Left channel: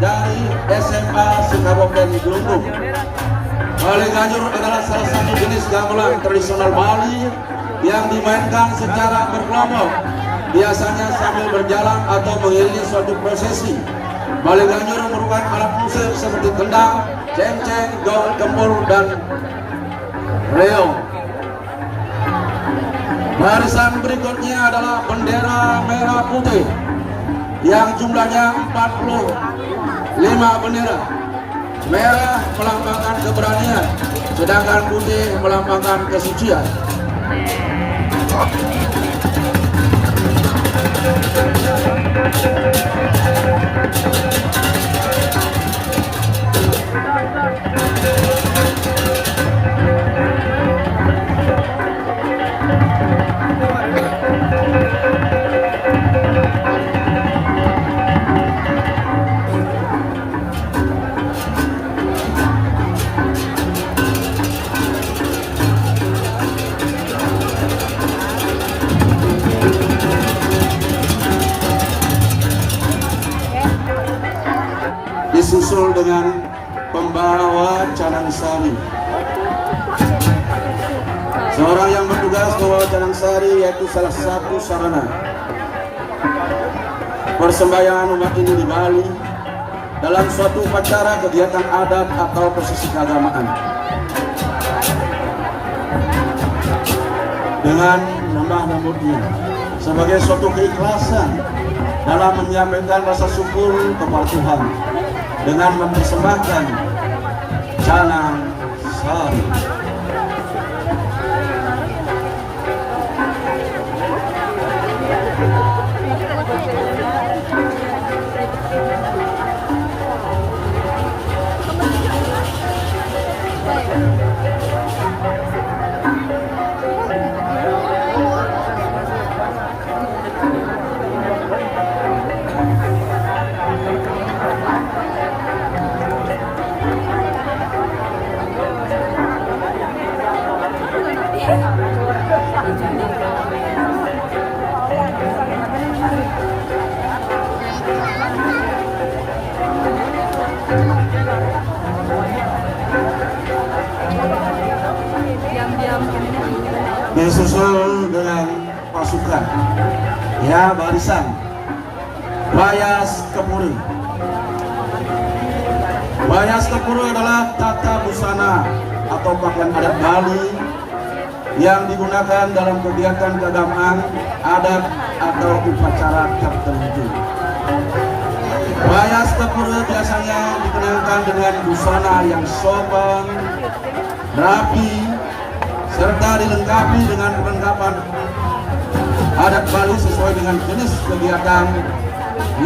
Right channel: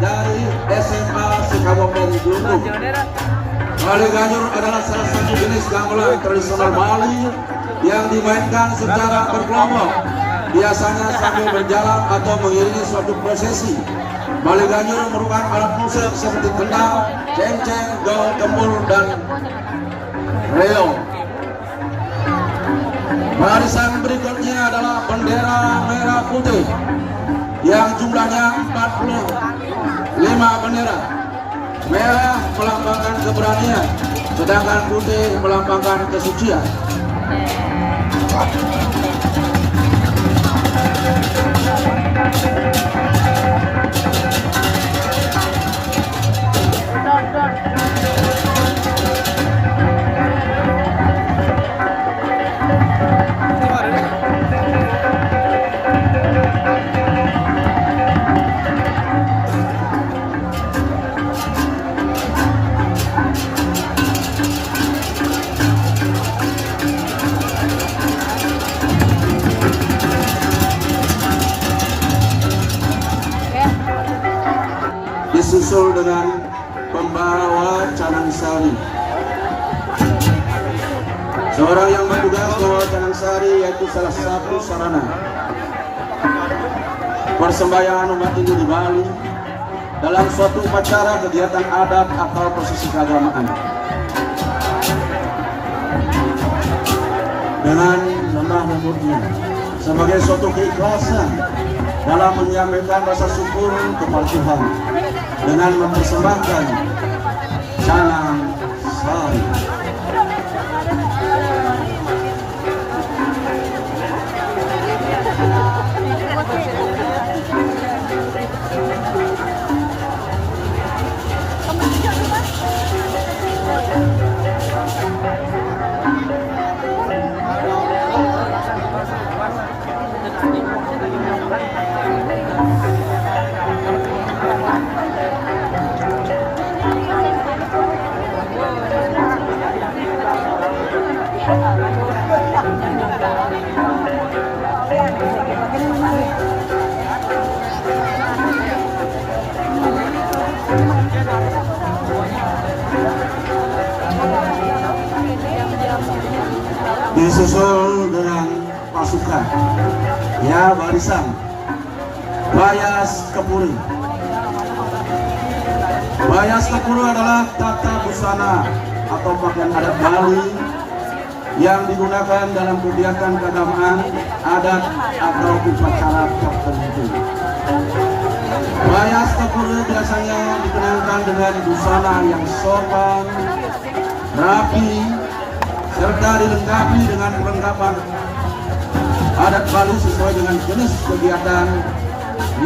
dari SMA Sikabupaten Gelunggung. Bali Ganyur adalah salah satu jenis gamelan tradisional Bali yang dimainkan secara berkelompok, biasanya sambil berjalan atau mengiringi suatu prosesi. Bali Ganyur merupakan alat musik seperti kendang, cengceng, gong, kempul, dan reog. Barisan berikutnya adalah bendera merah putih yang jumlahnya 45 bendera. Merah melambangkan keberanian, sedangkan putih melambangkan kesucian. Disusul dengan pembawa Canansari. Seorang yang bertugas membawa Canansari yaitu salah satu sarana persembahyangan umat Hindu di Bali dalam suatu upacara, kegiatan adat atau prosesi keagamaan. Dengan lemah lembutnya sebagai suatu keikhlasan dalam menyampaikan rasa syukur kepada Tuhan dengan mempersembahkan Canansari. Disusul dengan pasukan, ya, barisan Bayas Kepuri. Bayas Kepuri adalah tata busana atau pakaian adat Bali yang digunakan dalam kegiatan keagamaan, adat atau upacara tertentu. Bayas Kepuri biasanya dikenakan dengan busana yang sopan, rapi, serta dilengkapi dengan perlengkapan adat Bali sesuai dengan jenis kegiatan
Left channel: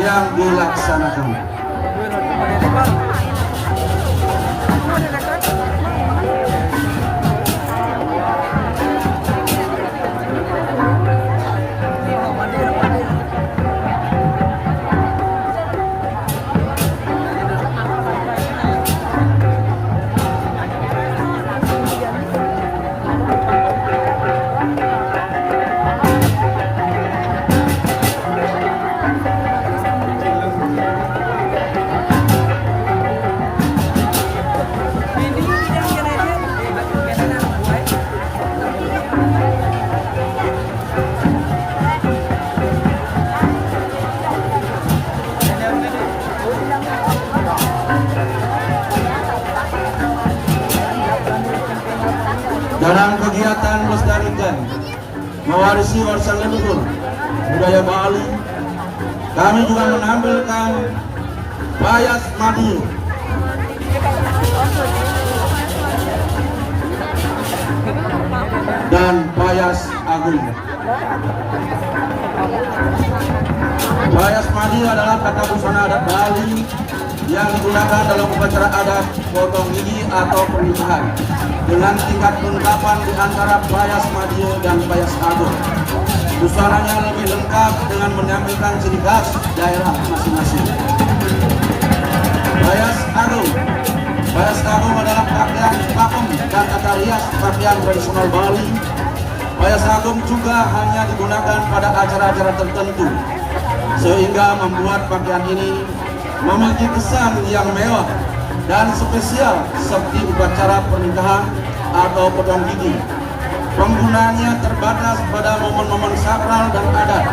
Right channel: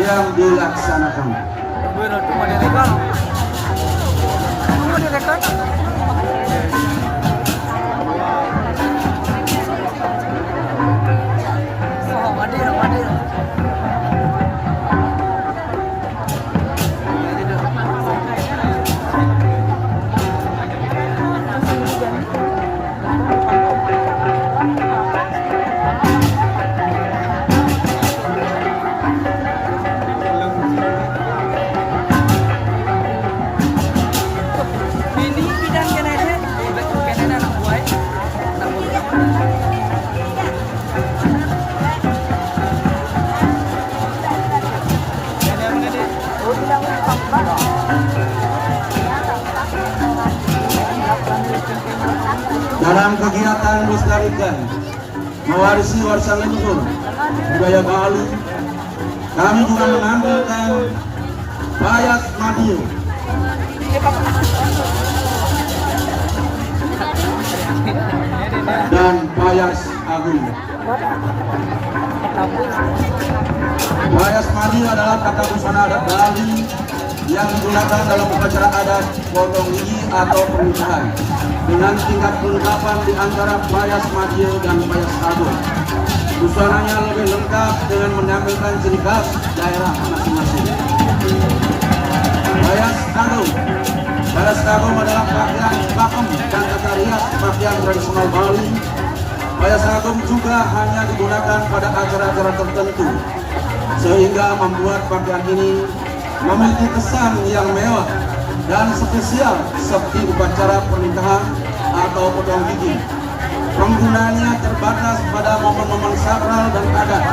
yang dilaksanakan. Dalam kegiatan melestarikan mewarisi warisan leluhur budaya Bali, kami juga menampilkan Bayas Madiun dan Bayas Agung. Bayas Madiun adalah tata busana adat Bali yang digunakan dalam upacara adat potong gigi atau pernikahan dengan tingkat kelengkapan di antara Bayas Madiun dan Bayas Agung. Busananya lebih lengkap dengan menampilkan ciri khas daerah masing-masing. Bayas Agung. Bayas Agung adalah pakaian pakem dan tata rias pakaian tradisional Bali. Bayas Agung juga hanya digunakan pada acara-acara tertentu, sehingga membuat pakaian ini memiliki kesan yang mewah dan spesial seperti upacara pernikahan atau potong gigi. Penggunaannya terbatas pada momen-momen sakral dan adat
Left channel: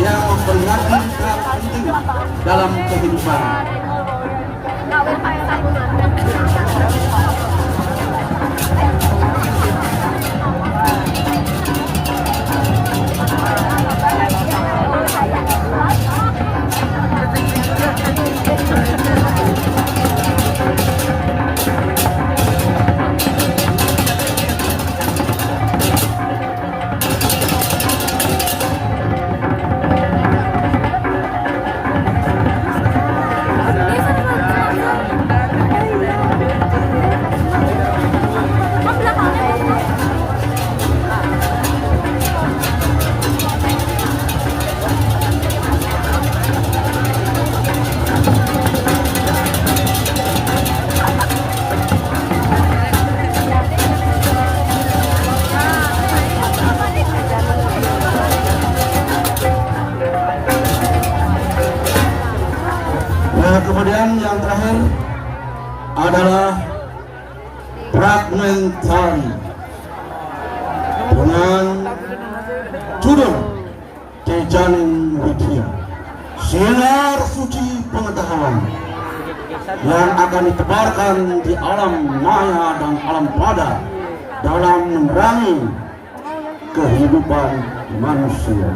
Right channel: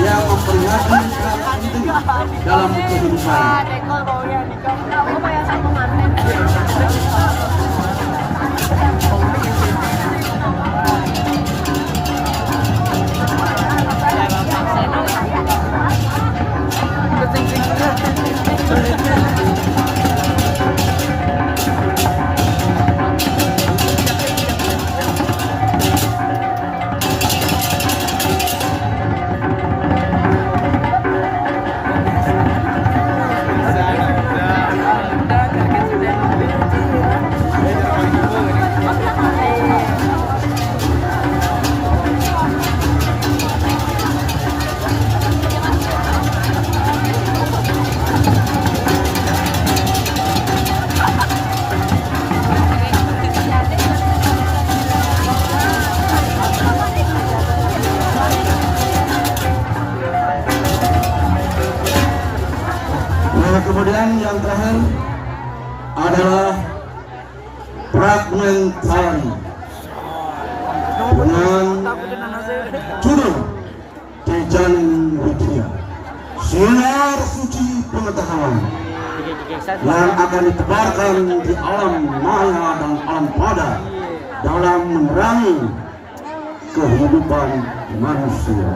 yang memperingati hal penting dalam kehidupan. Kemudian yang terakhir adalah fragmentari dengan judul Jejaring Widya, sinar suci pengetahuan yang akan ditebarkan di alam maya dan alam pada dalam menerangi kehidupan manusia.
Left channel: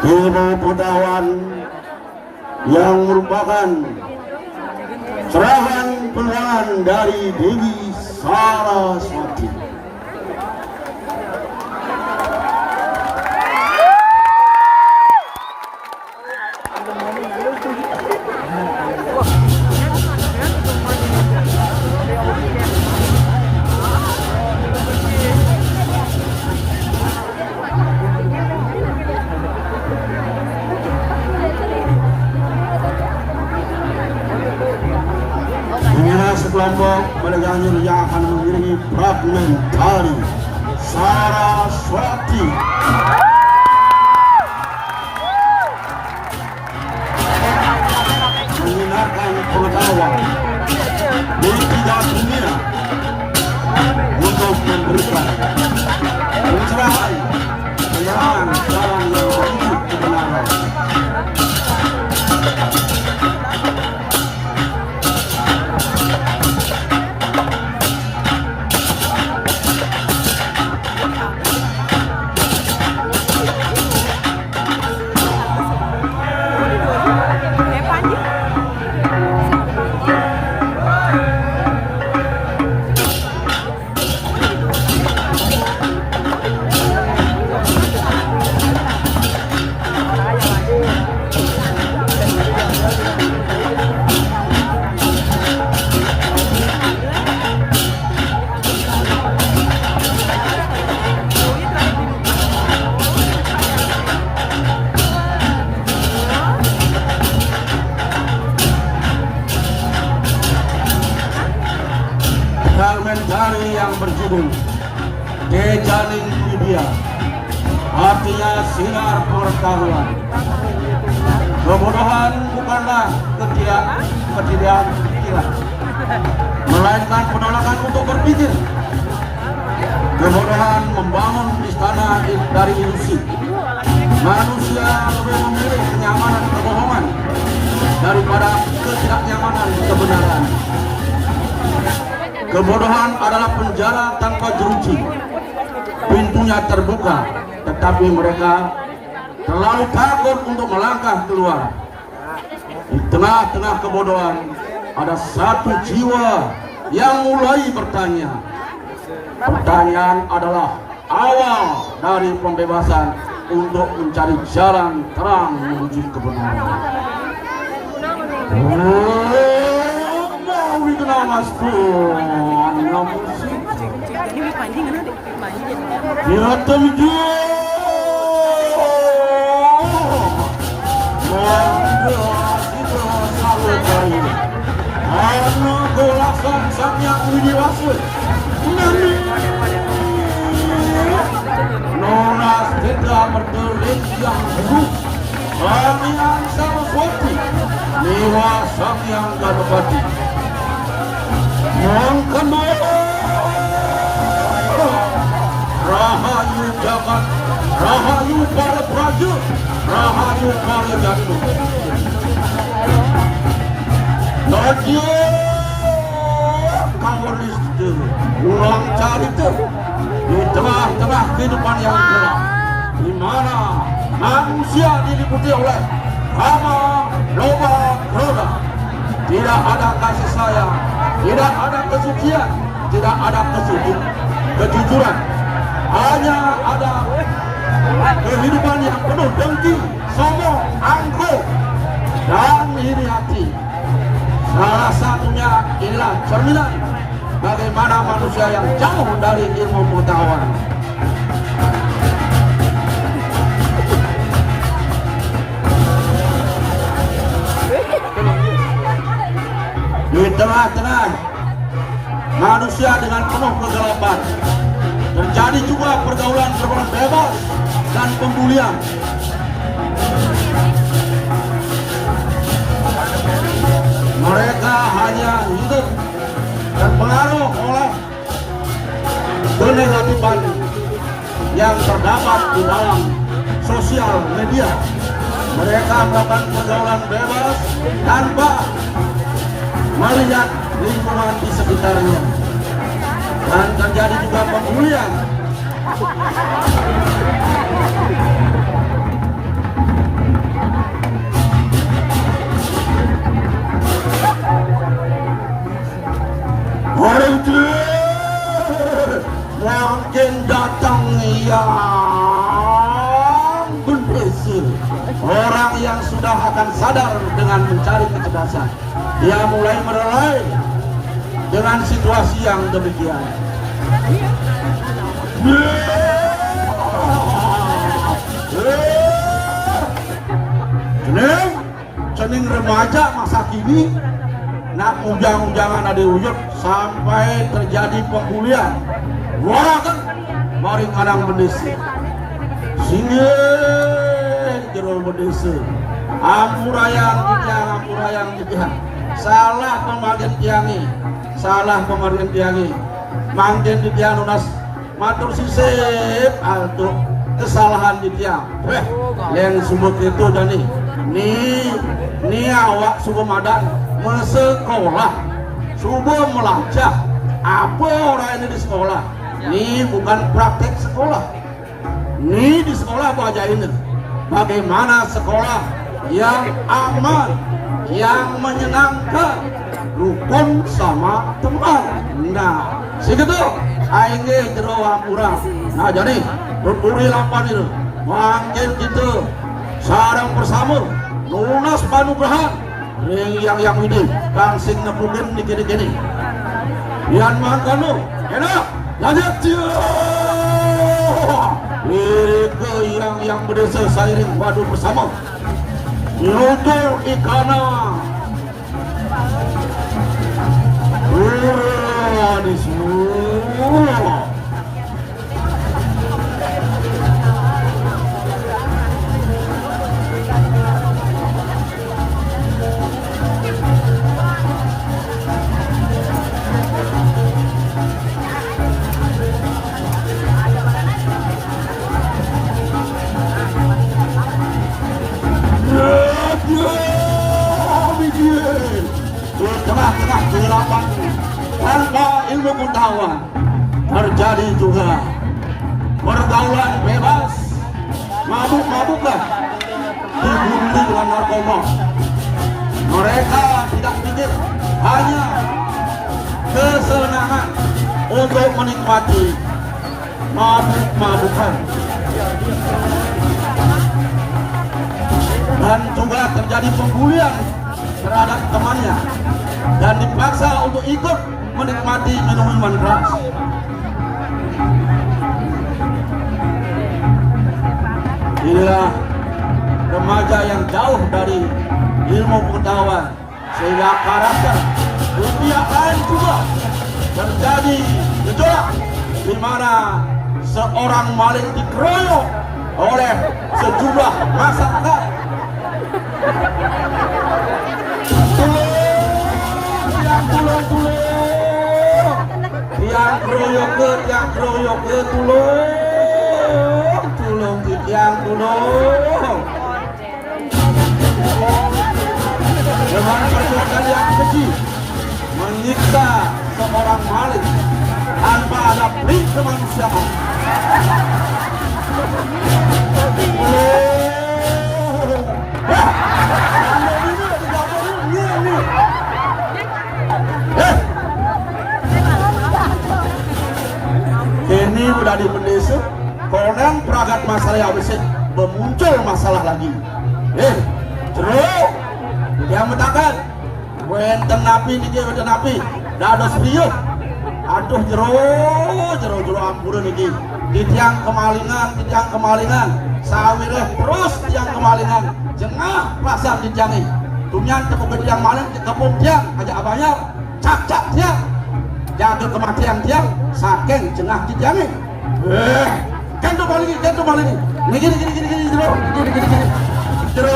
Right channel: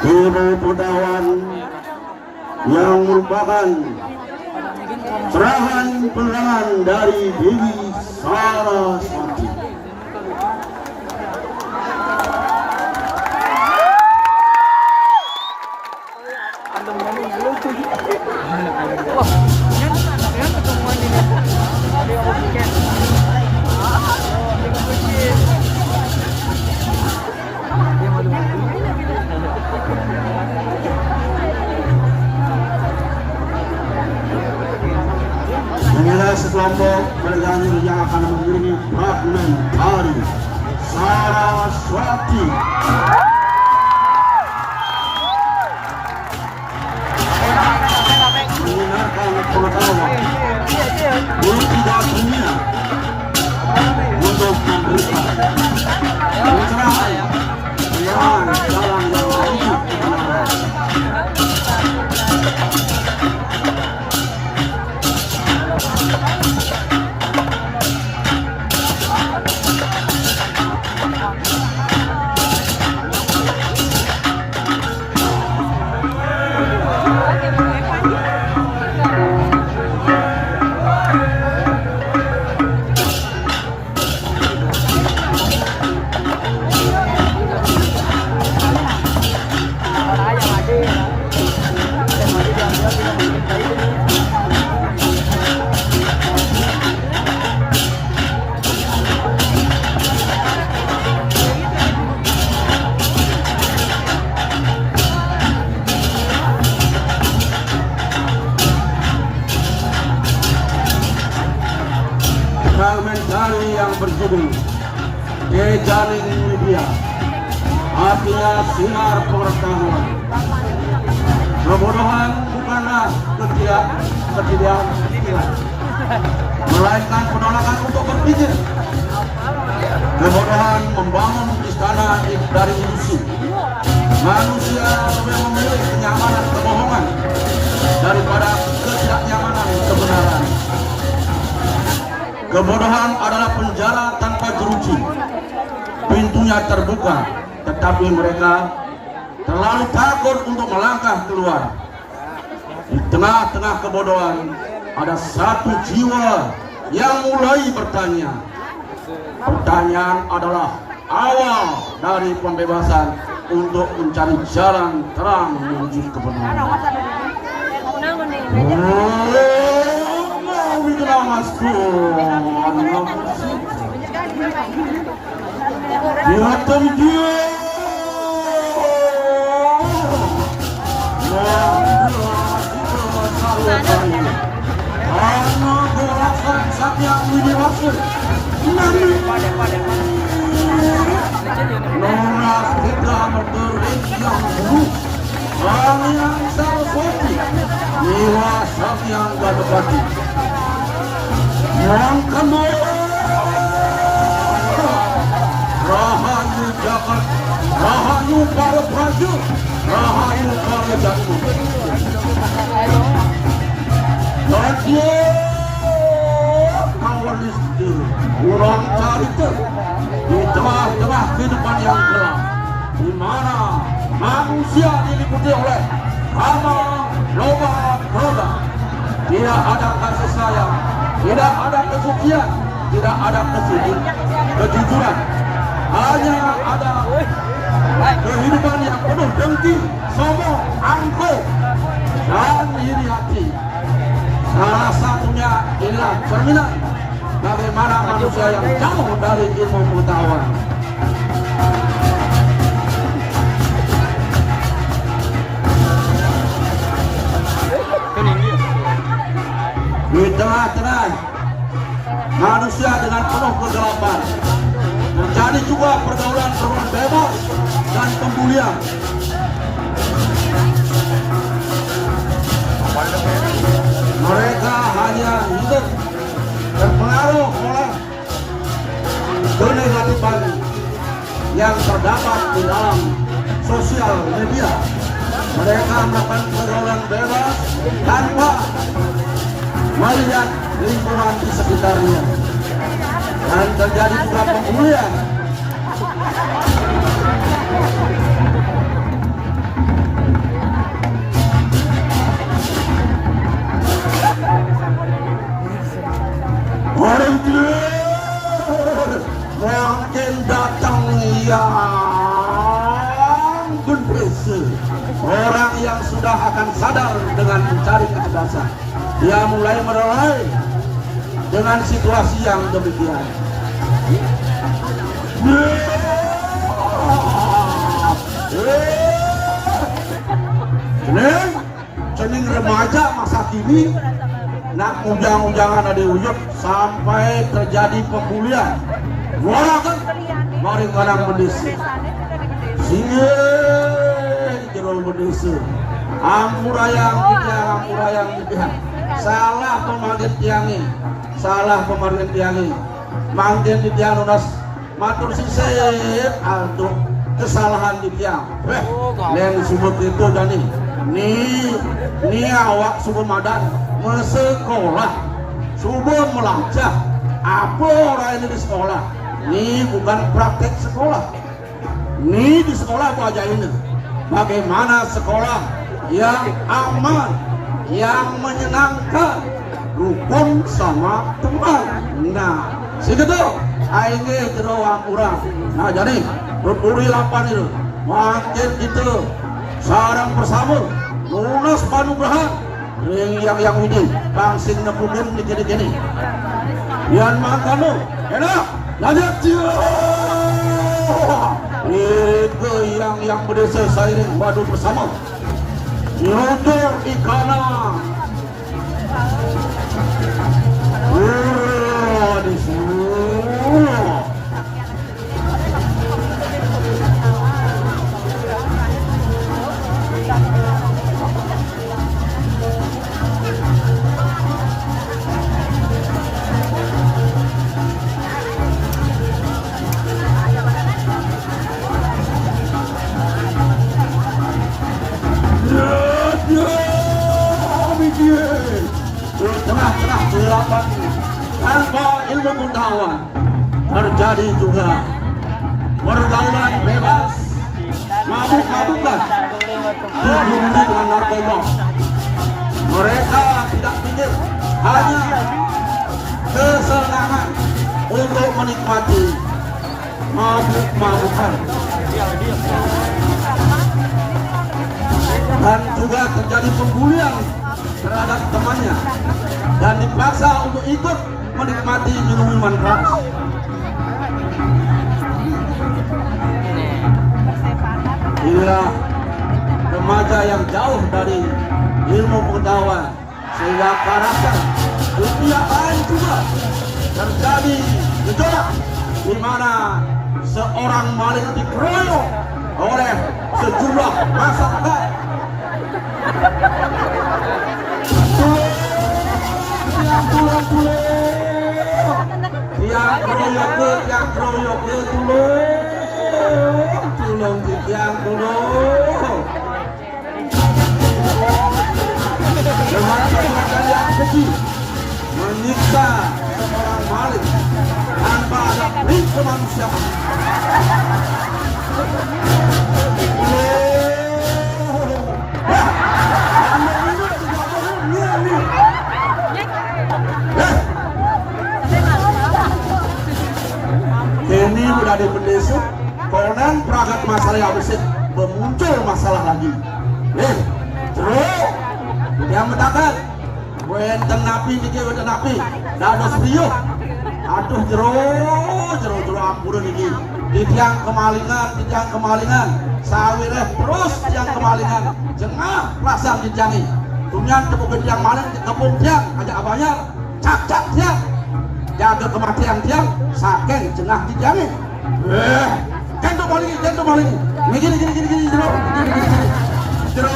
Ilmu pengetahuan yang merupakan cerahan penerangan dari Dewi Saraswati. Sekelompok penegangnya yang akan mengiringi fragmentari Saraswati. Mendengarkan pengetahuan yang tidak dunia untuk memberikan pencerahan yang dalam menuju kebenaran. Jejaring Widya artinya sinar pengetahuan. Kebodohan bukanlah ketidakiran, melainkan penolakan untuk berpikir. Kebodohan membangun istana dari ilusi. Manusia lebih memilih kenyamanan kebohongan daripada ketidaknyamanan kebenaran. Kebodohan adalah penjara tanpa jeruji. Pintunya terbuka, tetapi mereka terlalu takut untuk melangkah keluar. Di tengah-tengah kebodohan ada satu jiwa yang mulai bertanya. Pertanyaan adalah awal dari pembebasan untuk mencari jalan terang menuju kebenaran. Mau dikenal masku, anak musik. Ya dia. bagi yang gak bagi. Yang kedua, Rahayu Jagat, Rahayu para prajurit, Rahayu para jatuh. Bagi kawanis itu, ulang cari itu di tengah-tengah kehidupan yang gelap, di mana manusia diliputi oleh hama, loba, roda. Tidak ada kasih sayang, tidak ada kesucian, tidak ada kejujuran. Hanya ada kehidupan yang penuh dengki, sombong, angkuh, dan iri hati. Salah satunya inilah cerminan bagaimana manusia yang jauh dari ilmu pengetahuan. Di tengah-tengah manusia dengan penuh kegelapan terjadi juga pergaulan bebas dan pembulian. Mereka hanya hidup terpengaruh oleh kenegatifan yang terdapat di dalam sosial media. Mereka melakukan pergaulan bebas tanpa melihat lingkungan di sekitarnya, dan terjadi juga pembulian. Orang itu mungkin datang yang berprestasi, orang yang sudah akan sadar dengan mencari kecerdasan. Dia mulai merelai dengan situasi yang demikian. Cening remaja masa kini nak ujang-ujangan ada ujung sampai terjadi pembulian. Orang kan mari kadang berdesi singe jerol berdesi ampurayang didiang salah pemanggil tiangi, salah pemanggil tiangi, manggil didiang lunas matur sisip untuk kesalahan didiang. Yang sebut itu jadi ni awak subuh madan mesekolah, subuh melacak apa orang ini di sekolah. Ini bukan praktek sekolah. Ini di sekolah itu aja ini. Bagaimana sekolah yang aman, yang menyenangkan, rukun sama teman. Nah, segitu aing jeroang urang. Nah, jadi tuturi lapan itu. Makin gitu sarang bersama lunas panugrahan yang ini langsing nepukeun di gini-gini. Yan mangkanu enak lanjut itu yang berdesa sairing padu bersama nyutur ikana di semua. Tanpa ilmu pengetahuan terjadi juga pergaulan bebas, mabuk-mabuklah, dibunuh dengan narkoba. Mereka tidak pikir hanya kesenangan untuk menikmati mabuk-mabukan, dan juga terjadi pembulian terhadap temannya dan dipaksa untuk ikut menikmati minuman keras. Inilah remaja yang jauh dari ilmu pengetahuan, sehingga karakter dunia lain juga terjadi gejolak di mana seorang maling dikeroyok oleh sejumlah masyarakat. keroyok ke yang keroyok ke tulung yang tulung. Dengan perbuatan yang keji menyiksa seorang maling tanpa ada pelik kemanusiaan. Ini sudah dibendesuk, konon peragat masalah yang bisa memuncul masalah lagi. Terus yang mutakan, wenten napi ini wenten napi, dah ada serius. Aduh jero ampuran ini. Di tiang kemalingan, sawireh terus tiang kemalingan, jengah perasaan dijangi. Tunyan tepuk tiang maling, tepung tiang, ajak abangnya, cak tiang. Jaga kematian tiang, saking jengah dijangi. Jantung maling. Gini. Jero,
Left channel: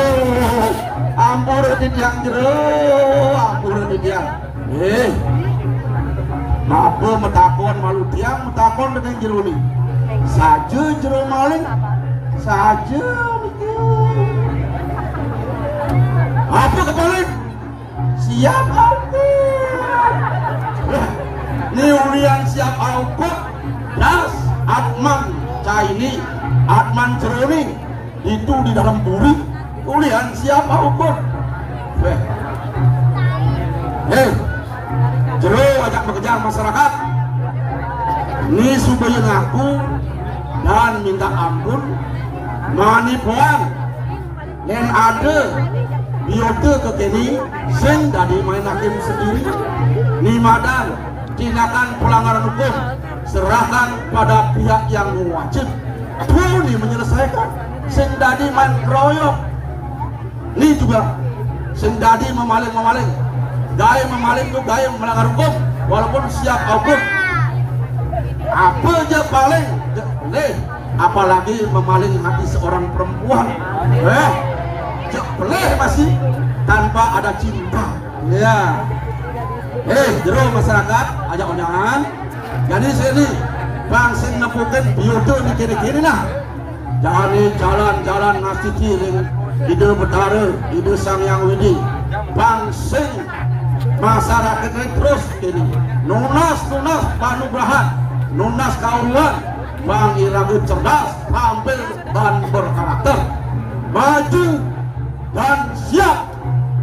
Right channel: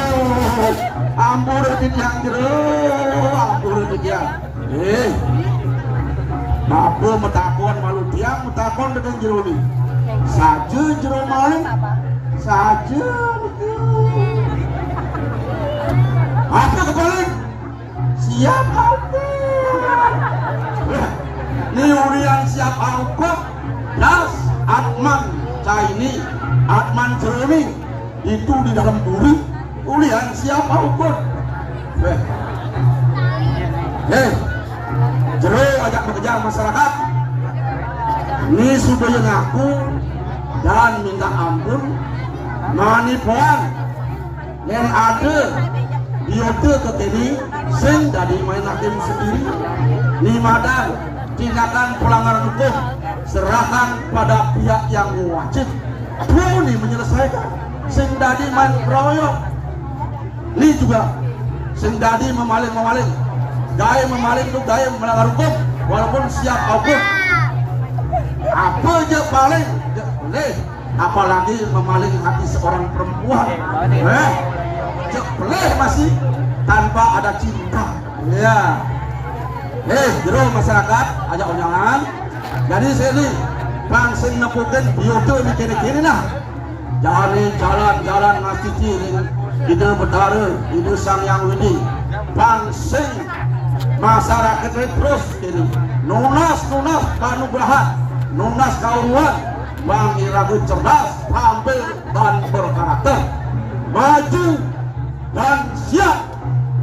ampun di tiang ampun di tiang. Apa metakon malu tiang, metakon dengan jero ni. Saja jero maling, saja. Apa kebalik? Siap apa? Ni urian siap apa? Das Atman Caini, Atman Ceroni itu di dalam buri. Urian siap apa? Jero ajak mengejar masyarakat. Ini sudah ngaku dan minta ampun. Manipuan yang ada biote ke kini sing dari main hakim sendiri. Ni madan tindakan pelanggaran hukum serahkan pada pihak yang wajib. Ini menyelesaikan. Sing dari main keroyok. Ini juga sing dari memaling. Gaya memaling itu gaya melanggar hukum walaupun siap hukum. Apa aja paling apalagi memaling hati seorang perempuan. Boleh masih tanpa ada cinta. Ya. Jero masyarakat ajak undangan. Jadi sini bang sing nepukan biodo ni kini lah. Jadi jalan ngasih ide betara, ide sang yang widi. Bang sing masyarakat ini terus ini nunas panugraha, nunas kauruan, bang iragu cerdas, tampil dan berkarakter, maju dan siap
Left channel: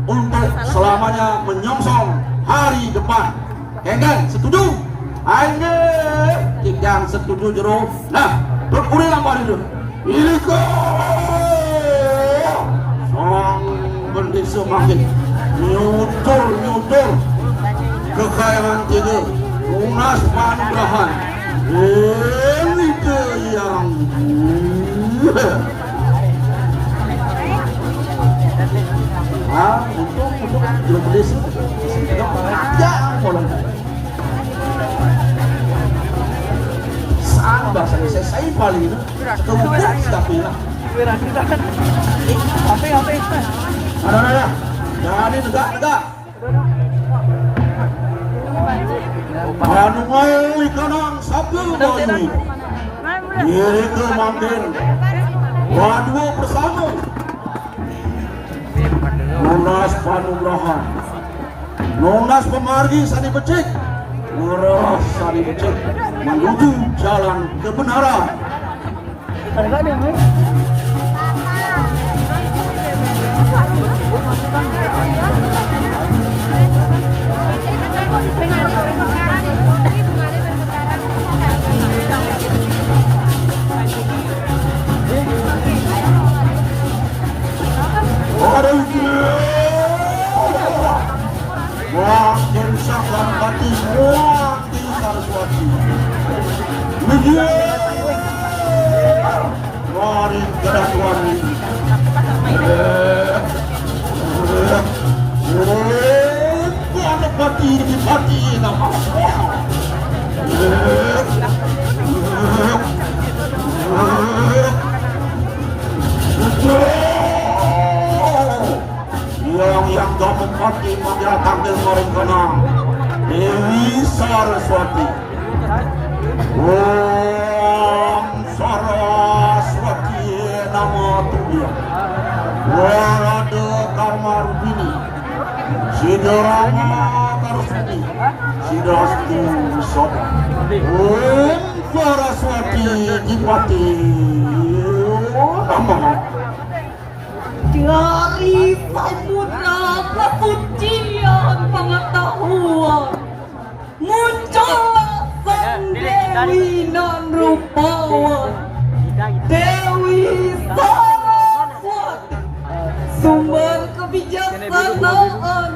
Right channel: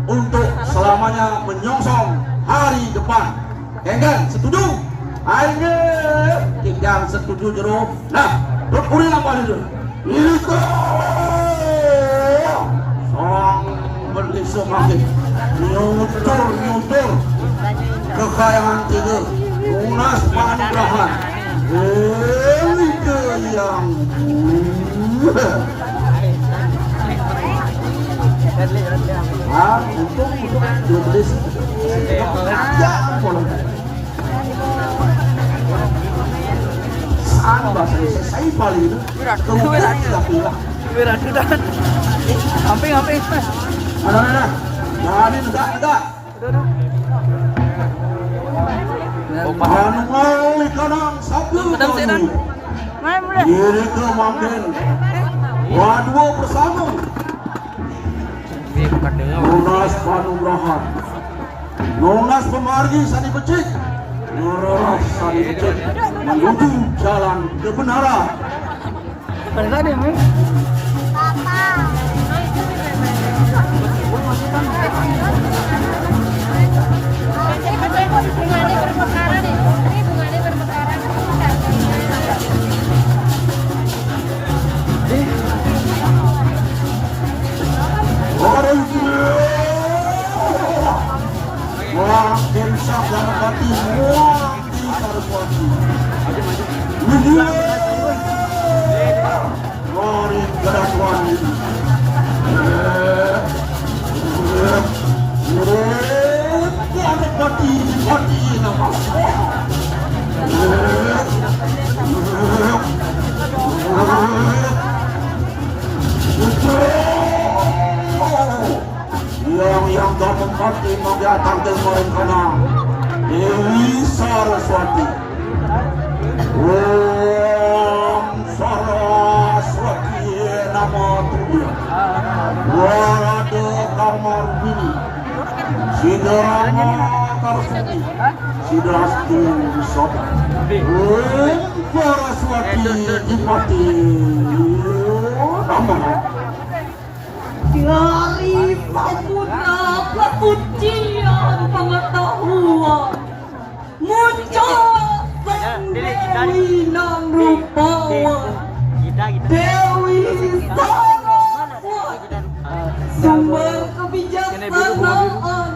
untuk selamanya menyongsong hari depan. Enggan setuju? Ayo, yang setuju jero. Nah, berulang apa itu? Ini song berdesa makin nyutur kekayaan tiga lunas panugrahan ini yang untuk berdesa ya mulai anda selesai paling itu kemudian sudah bilang Hampir. Mana? Jadi enggak. Anu mai kanang sabtu bani. Diri ke mandir. Waduh bersama. Lunas panugrahan. Lunas pemargi sani becik. Lunas sani becik. Menuju jalan kebenaran. yang dapat mati mendatang dan merencana Dewi Saraswati Om Saraswati Namo Tuhan Wada Kamar Bini Sidarama Karsani Sidastu Sobat Om Saraswati Jipati Namo dari samudra kesucian pengetahuan muncullah sang Dewi nan rupawan Dewi Saraswati sumber kebijaksanaan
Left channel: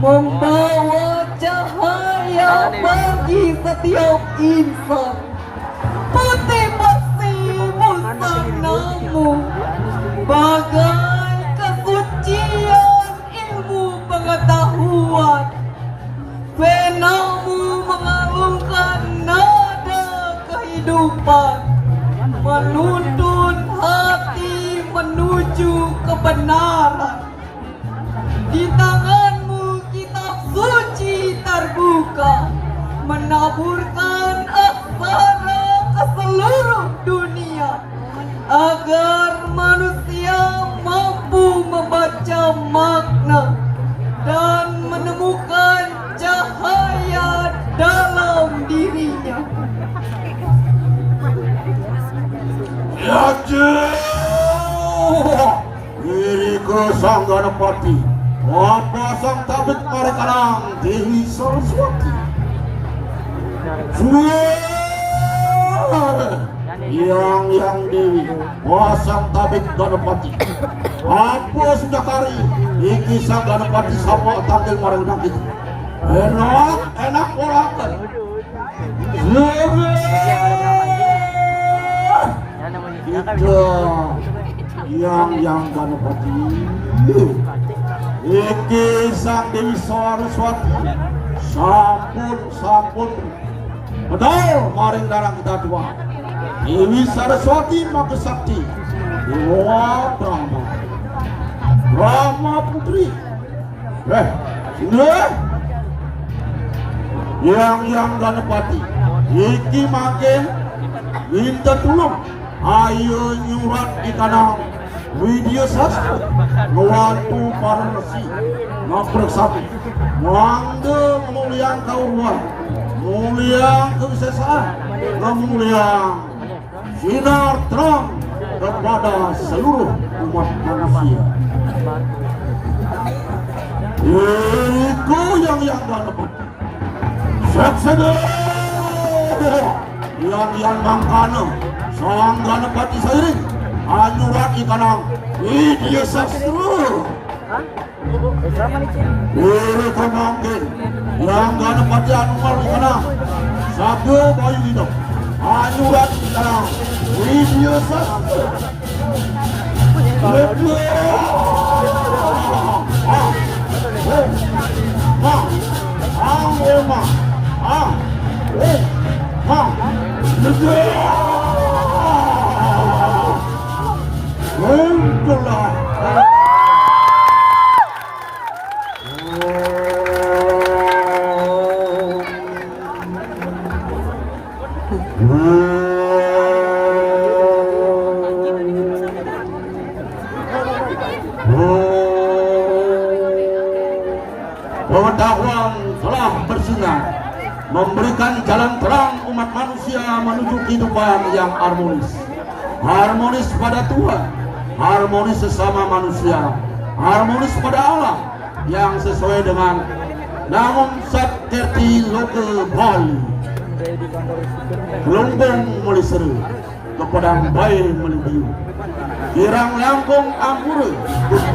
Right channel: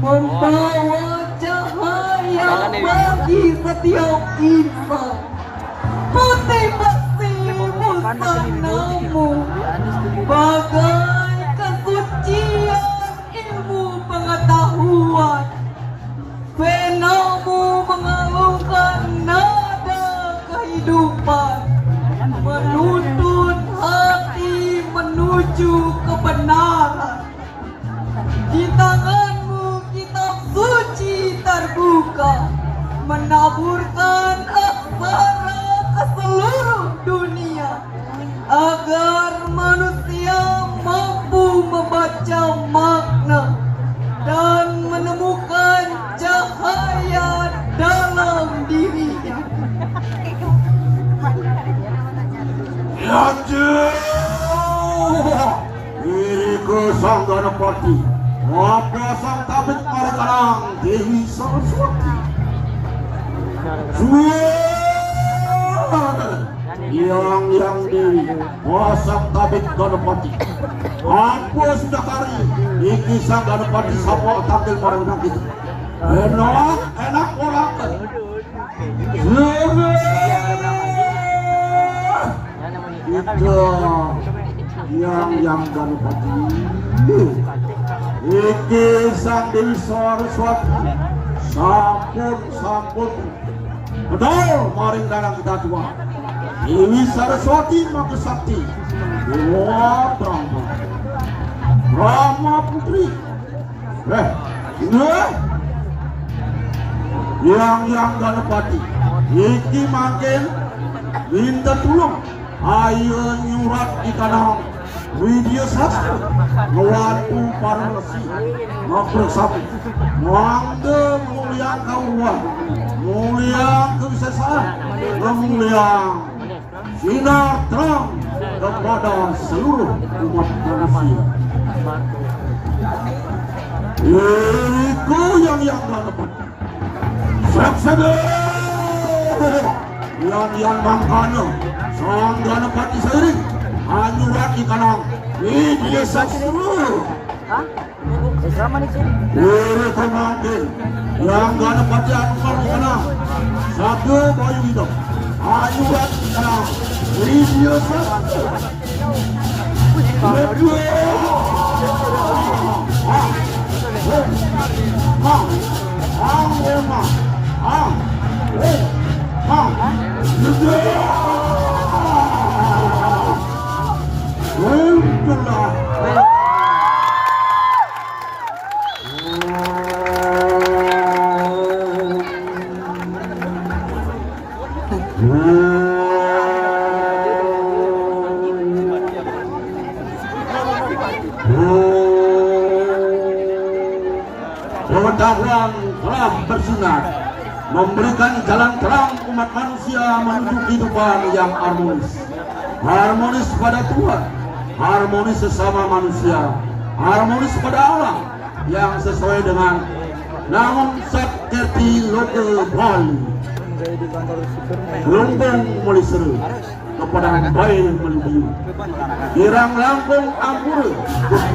membawa cahaya bagi setiap insan putih bersih busanamu bagai kesucian ilmu pengetahuan penamu mengalungkan nada kehidupan menuntun hati menuju kebenaran di tanganmu kitab suci terbuka menaburkan aksara ke seluruh dunia agar manusia mampu membaca makna dan menemukan cahaya dalam dirinya. Diriku sang Ganapati, apa sang tabib Marikanang Dewi Saraswati. Yang Dewi, wasang tabib Ganapati. Apa sudah kari, iki sang Ganapati sama tampil marang begitu. Enak orang. Yang Ganapati. Iki sang Dewi Saraswati. Sampun. Betul, maring karang kita tua. Dewi Saraswati Maka Sakti Dewa Brahma Putri ini yang Ganapati iki makin minta tulung ayo nyurat di kanal Widya Sastra Ngewantu para resi Ngapreksapi Ngangge mulian kauruan mulian kebiasaan mulian sinar terang kepada seluruh umat manusia. Itu yang Ganapati. Saksada yang mangkana sang Ganapati seiring anyurak ikanang Widya Sastra. Diri kemangkin yang Ganapati anumar ikanang Sago Bayu Hidup anyurak ikanang Widya Sastra. Pengetahuan telah bersinar memberikan jalan terang umat manusia menuju kehidupan yang harmonis pada Tuhan, harmonis sesama manusia, harmonis pada alam yang sesuai dengan namun Sakerti Loke Bali Gelombang mulai seru kepada bayi melibu kirang langkung ampure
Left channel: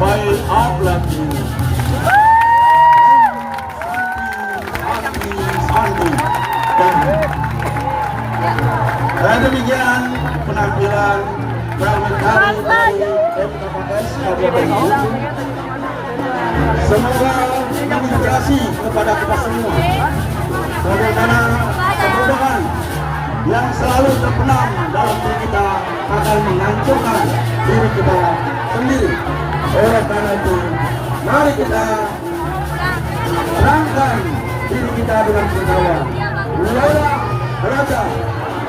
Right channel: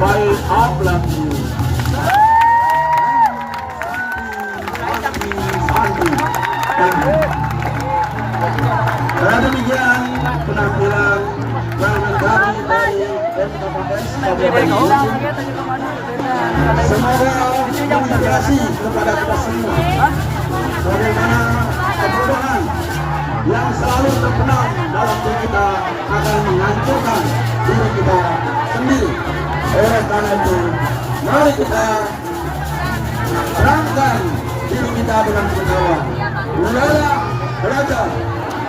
bayi ablati dan demikian penampilan dari MKPS Kabupaten. Semoga menginspirasi kepada kita semua bagaimana kemudahan yang selalu terkenal dalam diri kita akan menghancurkan diri kita sendiri. Oleh karena itu, mari kita terangkan diri kita dengan kenalan. Penonton